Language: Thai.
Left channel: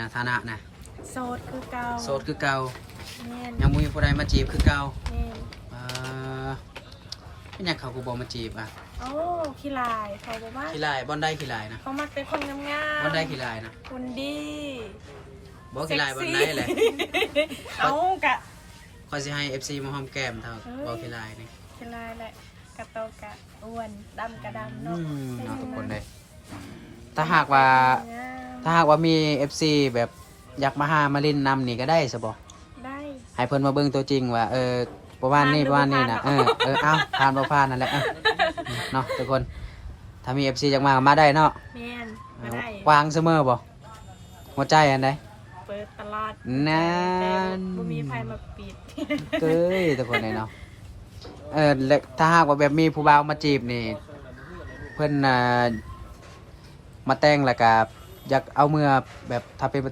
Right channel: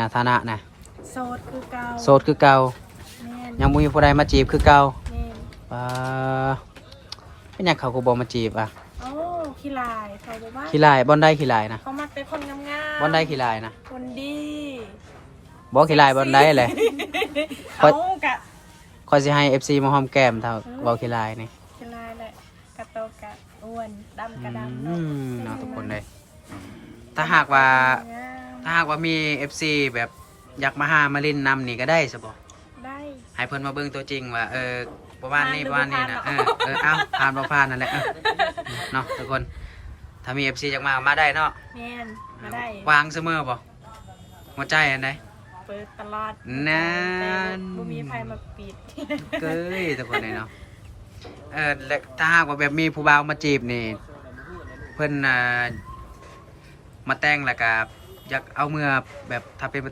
นะฐานะนะโสดคือเก่าโสดคือเก่าแม่นยังบ่มีผู้ใดมาจีบคือเก่าแม่นเป็นหยังเขาก็บ่มาจีบอ่ะโอ้ขี้ลายเขาบอกว่าขี้ลายบ่อนได้ขี้ลายนะเขามักเป็นคนงามๆบ่อนได้ขี้ลายนะคนดี บ่ขี้ลายบ่อนได้แหละ เอากะ ขอยสิให้ FC มาหอมแก้มเท่าเว้าขี้ลายนี่ ขี้ลายแหละกะโตกะอ้วนดำกะดำ เนาะทุกคนเลยถ้าหากว่ามี FC แบบอยากมาหามาเล่นนำนี่ก็ได้ซะบ่ได้ให้เพิ่นมาเบิ่งตัวจริงว่าประมาณนี้ประมาณนี้นะเอาผ่านบ่ผ่านนั่นแหละเนาะทุกคนถ้ามี FC อยากมาได้เนาะแม่นมาได้วางเสมอบ่หัวใจอันใดเปิดตลอดนั่นบ่มีใครมาปิดเก้ยทุกคนเลยเนาะถ้าหากว่าแบบมีผู้บ่าวมาจีบนี่เพิ่นมาแต่งแล้วก็อยากเอาเมื่อแบบถ้าเป็น